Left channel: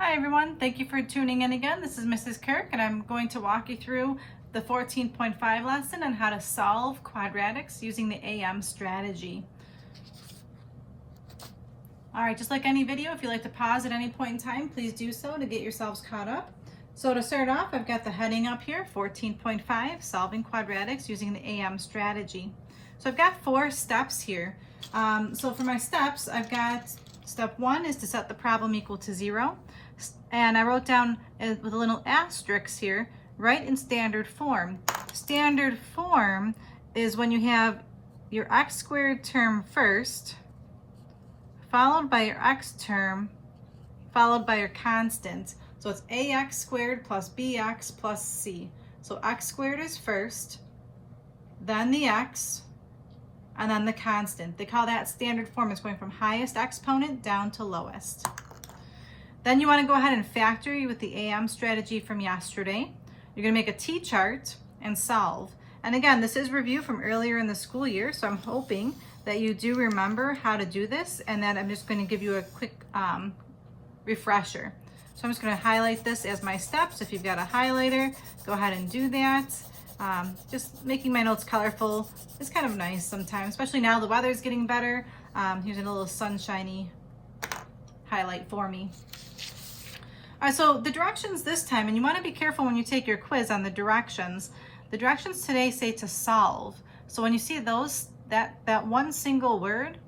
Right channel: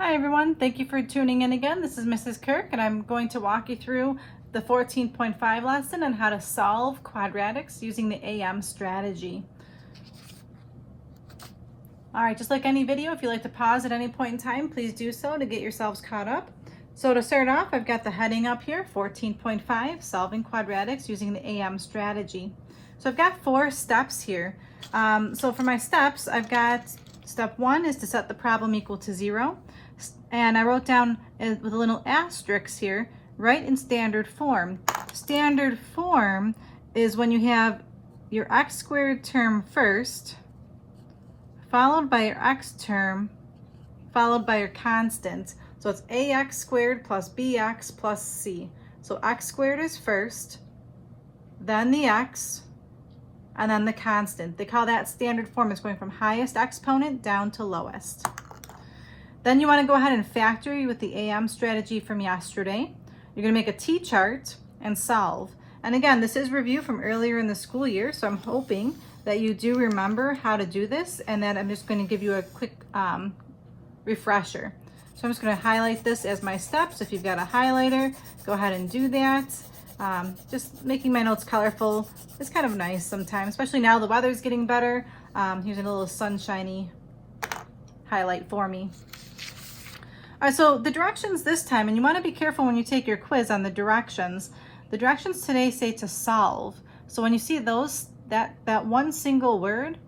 Hi everyone, thank you for tuning in again. This is Mrs. Kirk and I'm going to walk you through the 14.5 lesson on how to solve quadratics using the AM strategy. Alright, just like any video, if you'd like to pause at any point in time, please do so to get yourselves caught up. So to start off, I've got the heading up here, 14.5, solving quadratics using the AM strategy. So I've got 4 steps here. So for my steps, I've got step 1 is to set the problem equal to 0. And I wrote down with a little asterisk here, write in standard form. Standard form is when you have your x squared term first, followed by your x term, followed by your constant. So it's ax squared plus bx plus c. So x squared is first, then the x, and then the constant. They call that standard form. It's going from highest exponent down to lowest. Then you want to go ahead and factor with the AM strategy from yesterday. You're going to make a T-chart and solve. And again, this is review from earlier in the school year, so I'm hoping that you do remember how to do this, and then I'm just going to give you a quick refresher. So I'm just going to highlight this as my steps. If you've got a highlighter, go ahead and do that. Just making my notes colorful is kind of nice sometimes, especially now the weather's getting better. Here's a little sunshiny highlight for me. All right, so the directions this time, and you want to be careful when you take your quiz on the directions. The directions today say to solve. So when you see those, that one single word,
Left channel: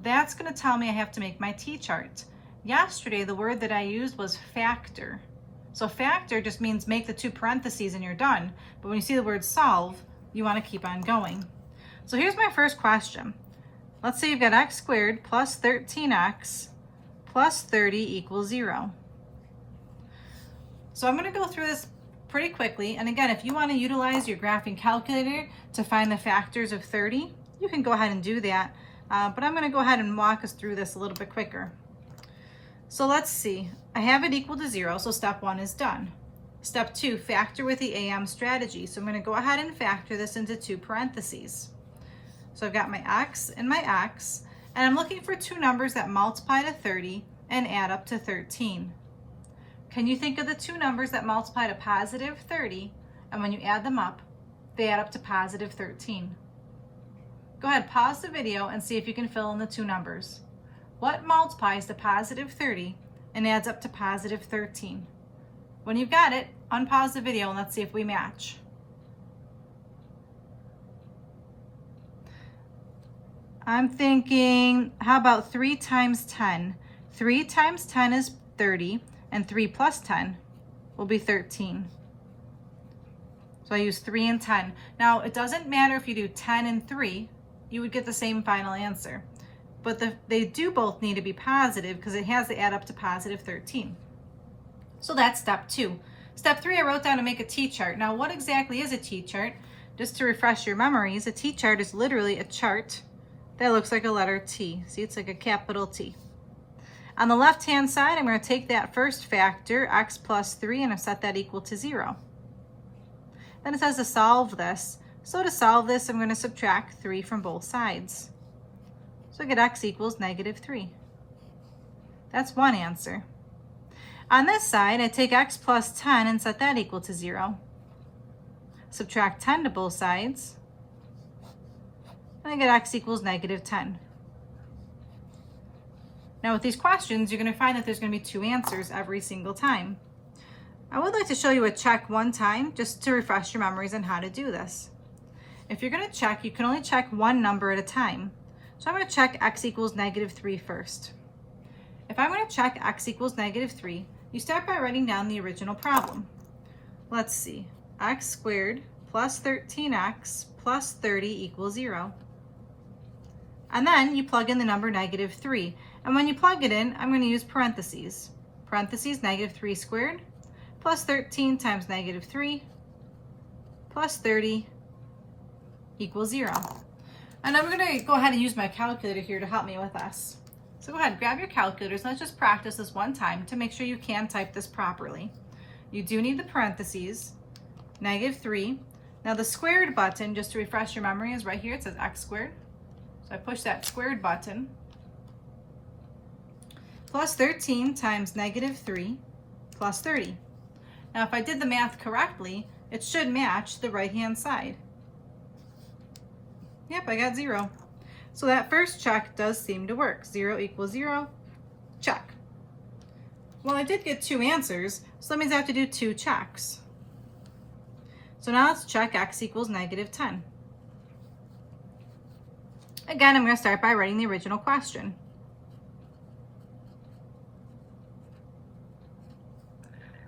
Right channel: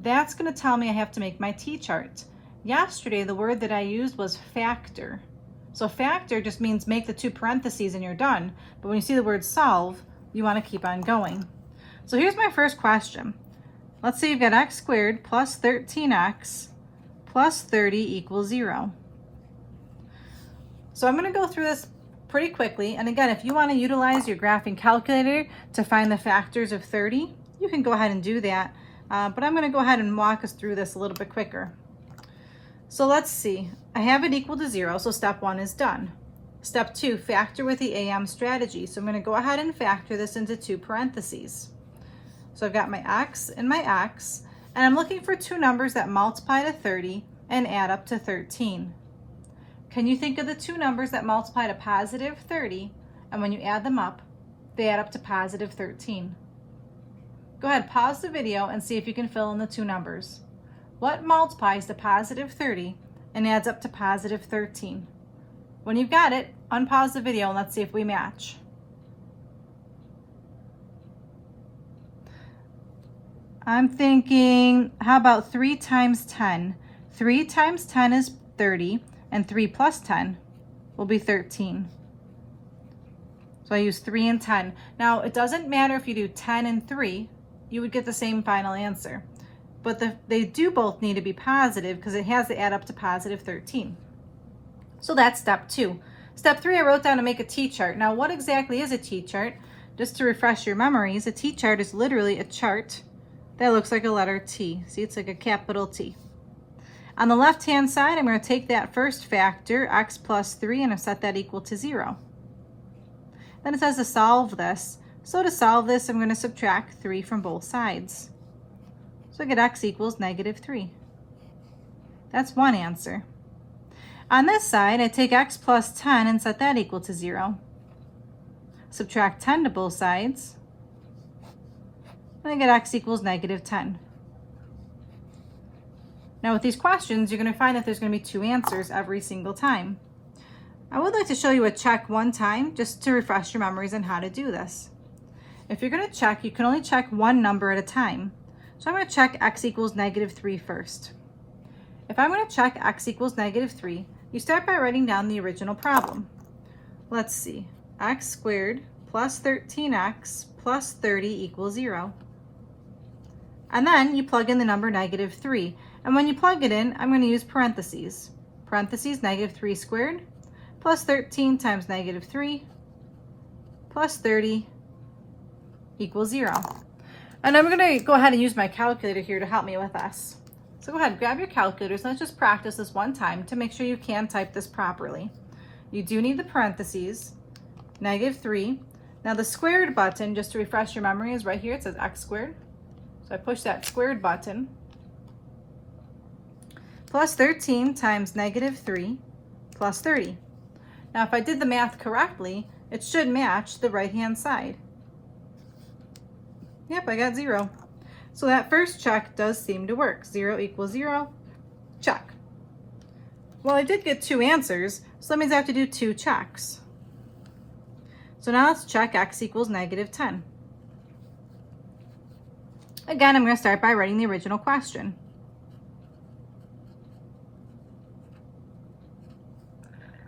that's going to tell me I have to make my T-chart. Yesterday, the word that I used was factor. So factor just means make the 2 parentheses and you're done. But when you see the word solve, you want to keep on going. So here's my first question. Let's say you've got x squared plus 13x plus 30 equals 0. So I'm going to go through this pretty quickly. And again, if you want to utilize your graphing calculator to find the factors of 30, you can go ahead and do that. But I'm going to go ahead and walk us through this a little bit quicker. So let's see. I have it equal to 0, so step 1 is done. Step 2, factor with the AM strategy. So I'm going to go ahead and factor this into 2 parentheses. So I've got my x and my x, and I'm looking for 2 numbers that multiply to 30 and add up to 13. Can you think of the 2 numbers that multiply to positive 30, and when you add them up, they add up to positive 13? Go ahead, pause the video and see if you can fill in the 2 numbers. What multiplies to positive 30 and adds up to positive 13? When you've got it, unpause the video and let's see if we match. I'm thinking, how about 3 times 10? 3 times 10 is 30, and 3 plus 10 will be 13. So I use 3 and 10. Now, it doesn't matter if you do 10 and 3, you would get the same final answer. But they do both need to be positive because it has to add up to positive 13. So that's step 2. Step 3, I wrote down to make a T-chart. Now, what exactly is a T-chart? Just to refresh your memories, a T-chart is literally a chart that looks like a letter T. See, it's like a capital T. On the left-hand side, I'm going to take that first factor, x plus 3, and I've set that equal to 0. Then it says to solve this. So to solve this, I'm going to subtract 3 from both sides. So I get x equals negative 3. That's one answer. On this side, I take x plus 10 and set that equal to 0. Subtract 10 to both sides. And I get x equals negative 10. Now with these questions, you're going to find that there's going to be 2 answers every single time. I would like to show you a check one time just to refresh your memories on how to do this. If you're going to check, you can only check one number at a time. So I'm going to check x equals negative 3 first. If I'm going to check x equals negative 3, you start by writing down the original problem. Let's see. X squared plus 13x plus 30 equals 0. And then you plug in the number negative 3. And when you plug it in, I'm going to use parentheses. Parentheses negative 3 squared plus 13 times negative 3 plus 30 equals 0. And I'm going to go ahead and use my calculator here to help me with this. So go ahead, grab your calculators. Let's just practice this one time to make sure you can type this properly. You do need the parentheses, negative 3. Now the squared button, just to refresh your memory, is right here. It says x squared. So I push that squared button. plus 13 times negative 3 plus 30. Now, if I did the math correctly, it should match the right-hand side. Yep, I got 0. So that first check does seem to work. 0 equals 0, check. Well, I did get 2 answers, so that means I have to do 2 checks. So now let's check x equals negative 10. Again, I'm going to start by writing the original question.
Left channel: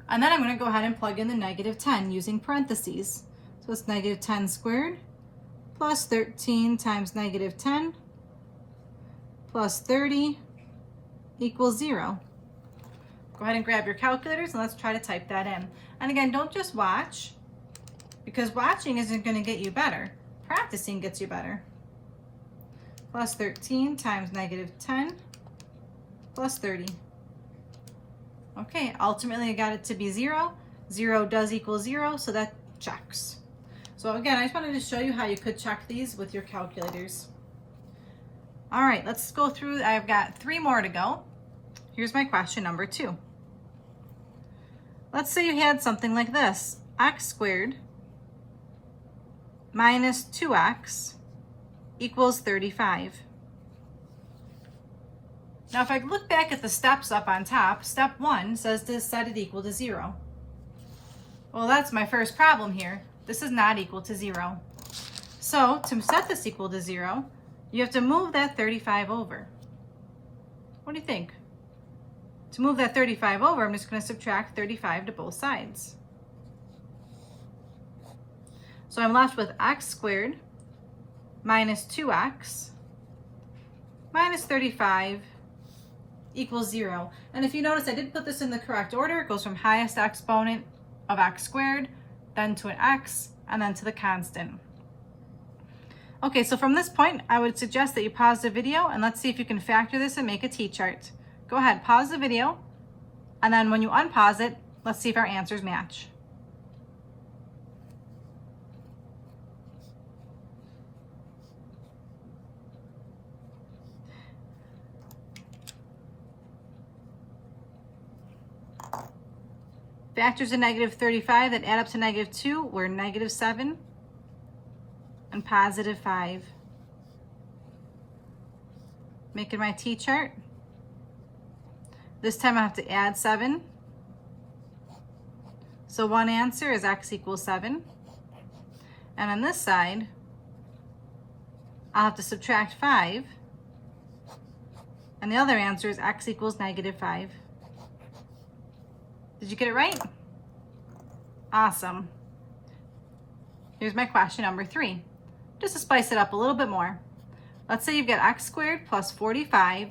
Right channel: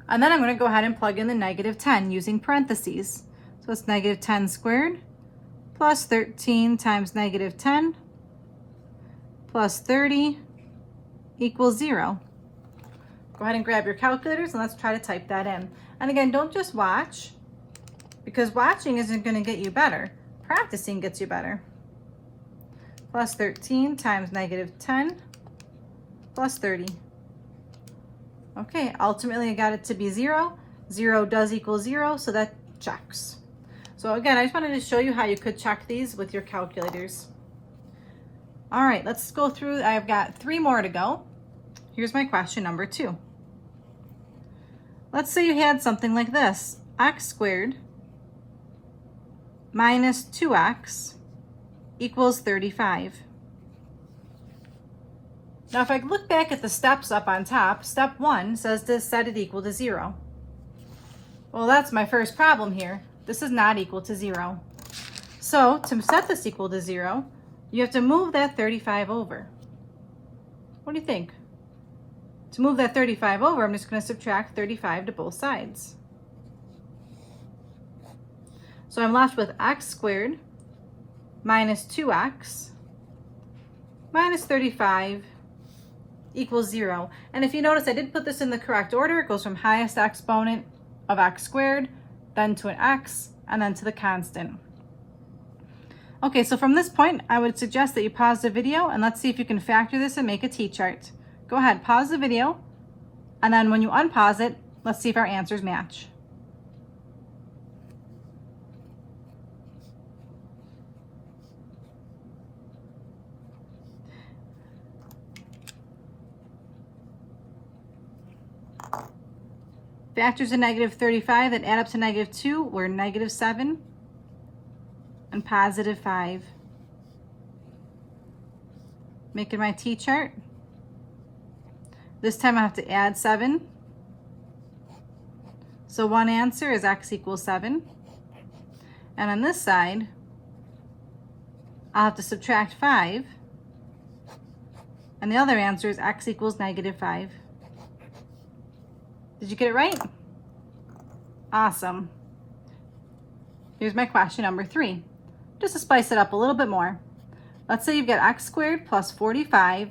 And then I'm going to go ahead and plug in the negative 10 using parentheses. So it's negative 10 squared plus 13 times negative 10 plus 30 equals 0. Go ahead and grab your calculators and let's try to type that in. And again, don't just watch, because watching isn't going to get you better. Practicing gets you better. Plus 13 times negative 10 plus 30. Okay, ultimately I got it to be 0. 0 does equal 0, so that checks. So again, I just wanted to show you how you could check these with your calculators. All right, let's go through. I've got 3 more to go. Here's my question number 2. Let's say you had something like this. X squared minus 2x equals 35. Now, if I look back at the steps up on top, step 1 says to set it equal to 0. Well, that's my first problem here. This is not equal to 0. So to set this equal to 0, you have to move that 35 over. What do you think? To move that 35 over, I'm just going to subtract 35 to both sides. So I'm left with x squared minus 2x minus 35 equals 0. And if you notice, I did put this in the correct order. It goes from highest exponent of x squared, then to an x, and then to the constant. Okay, so from this point, I would suggest that you pause the video and let's see if you can factor this and make a t-chart. Go ahead, pause the video, and then when you unpause it, let's see if our answers match. Factors of negative 35 that add up to negative 2 were negative 7 and positive 5. Making my t-chart. This time I have to add 7. So one answer is x equals 7. And on this side, I'll have to subtract 5. And the other answer is x equals negative 5. Did you get it right? Awesome. Here's my question number 3. Just to spice it up a little bit more. Let's say you've got x squared plus 45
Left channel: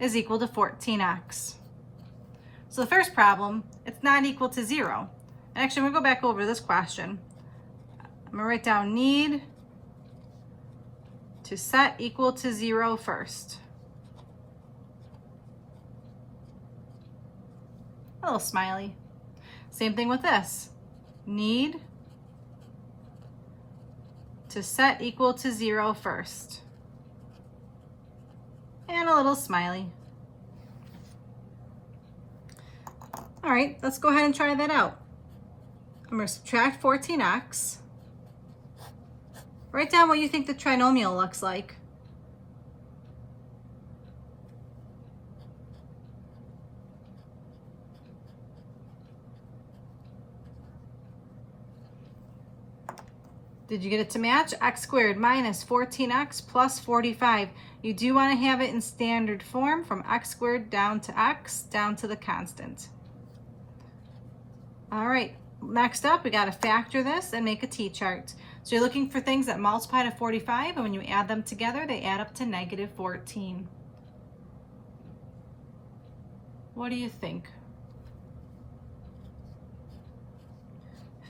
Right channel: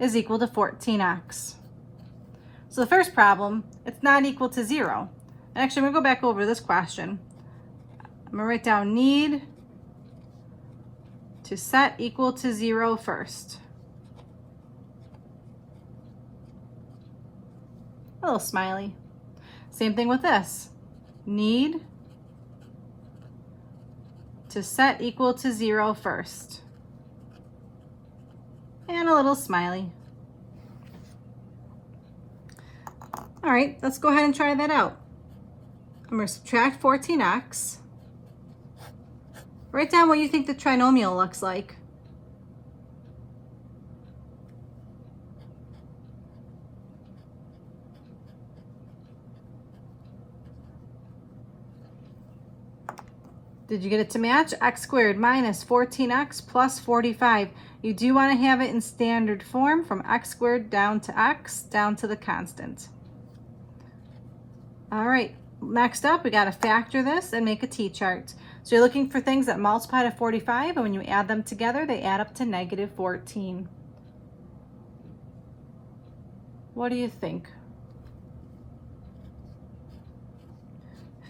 is equal to 14x. So the first problem, it's not equal to 0. And actually, I'm going to go back over this question. I'm going to write down need to set equal to 0 first. A little smiley. Same thing with this. Need to set equal to 0 first. And a little smiley. All right, let's go ahead and try that out. I'm going to subtract 14x. Write down what you think the trinomial looks like. Did you get it to match? X squared minus 14x plus 45. You do want to have it in standard form from x squared down to x, down to the constant. All right, next up, we got to factor this and make a t-chart. So you're looking for things that multiply to 45, and when you add them together, they add up to negative 14. What do you think?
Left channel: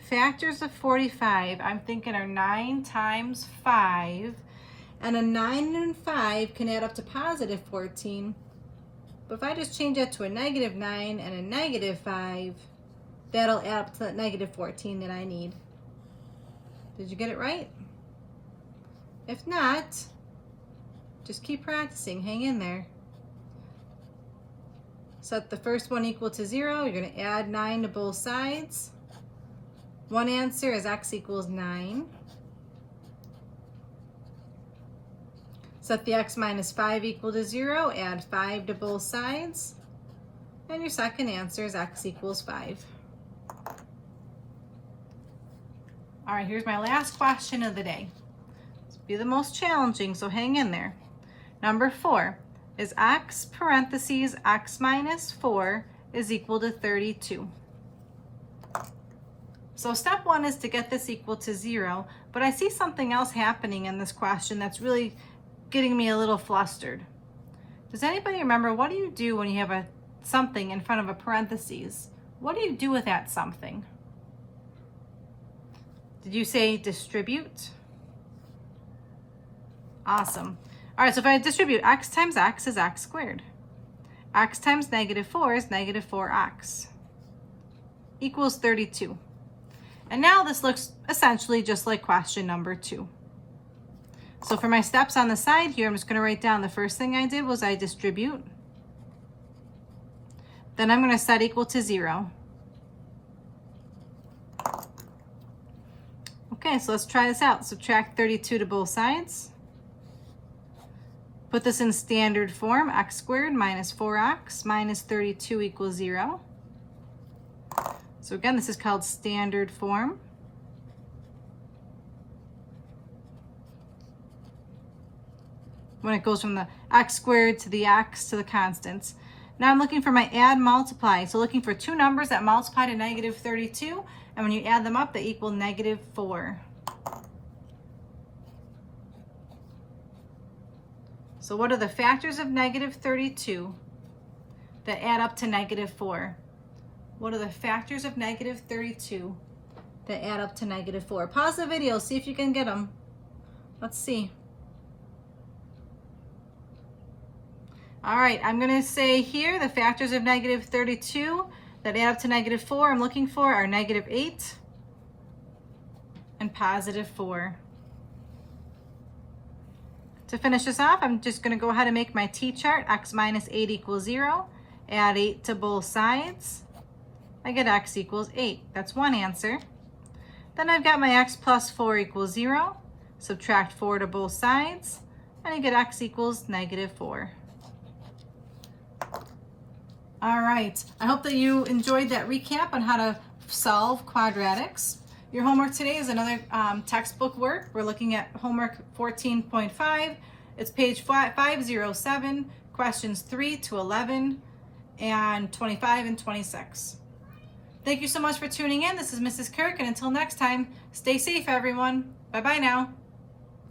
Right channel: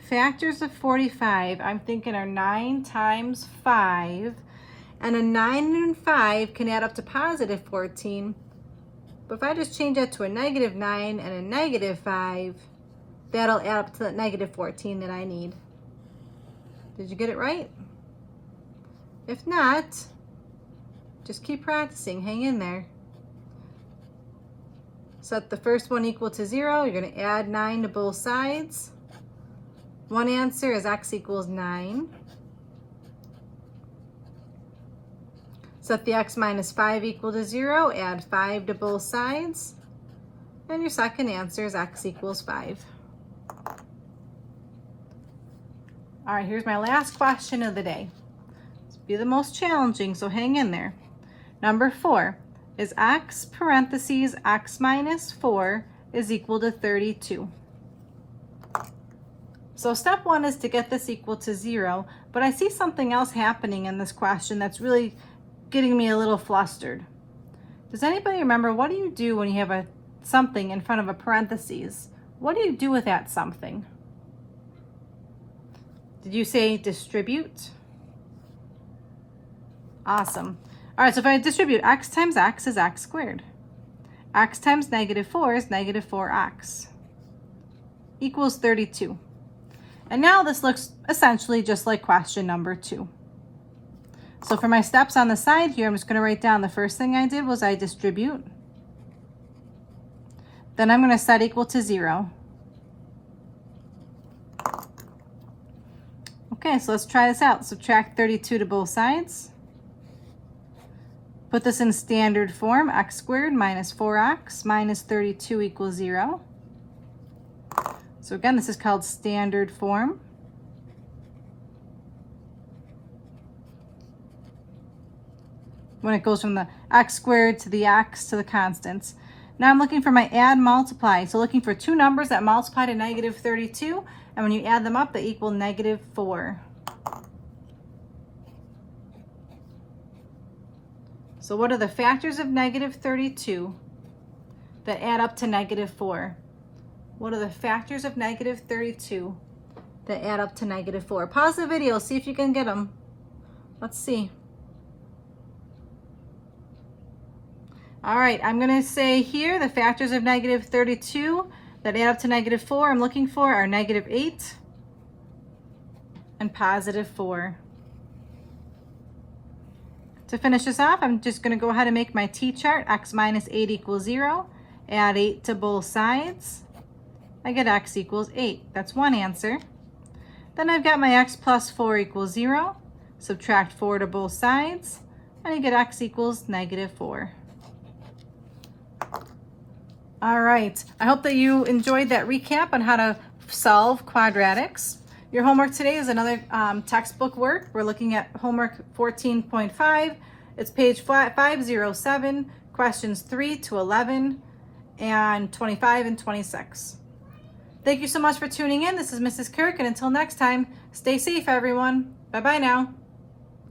Factors of 45, I'm thinking are 9 times 5, and a 9 and 5 can add up to positive 14. But if I just change that to a negative 9 and a negative 5, that'll add up to that negative 14 that I need. Did you get it right? If not, just keep practicing, hang in there. Set the first one equal to 0. You're going to add 9 to both sides. One answer is x equals 9. Set the x minus 5 equal to 0. Add 5 to both sides. And your second answer is x equals 5. All right, here's my last question of the day. This will be the most challenging, so hang in there. Number 4, is x parentheses x minus 4 is equal to 32? So step 1 is to get this equal to 0, but I see something else happening in this question that's really getting me a little flustered. Does anybody remember, what do you do when you have something in front of a parentheses? What do you do with that something? Did you say distribute? Awesome. All right, so if I distribute x times x is x squared. X times negative 4 is negative 4x equals 32. And now this looks essentially just like question number 2. So for my steps on the side here, I'm just going to write down the first thing I did was I distribute. Then I'm going to set equal to 0. Okay, so let's try this out. Subtract 32 to both sides. Put this in standard form, x squared minus 4x minus 32 equals 0. So again, this is called standard form. When it goes from the x squared to the x to the constants. Now I'm looking for my add multiply. So looking for two numbers that multiply to negative 32, and when you add them up, they equal negative 4. So what are the factors of negative 32 that add up to negative 4? What are the factors of negative 32 that add up to negative 4? Pause the video, see if you can get them. Let's see. All right, I'm going to say here the factors of negative 32 that add up to negative 4 I'm looking for are negative 8 and positive 4. To finish this off, I'm just going to go ahead and make my t-chart. X minus 8 equals 0. Add 8 to both sides. I get x equals 8. That's one answer. Then I've got my x plus 4 equals 0. Subtract 4 to both sides. And I get x equals negative 4. All right. I hope that you enjoyed that recap on how to solve quadratics. Your homework today is another textbook work. We're looking at homework 14.5. It's page 507, questions 3 to 11, and 25 and 26. Thank you so much for tuning in. This is Mrs. Kirk, and until next time, stay safe, everyone. Bye-bye now.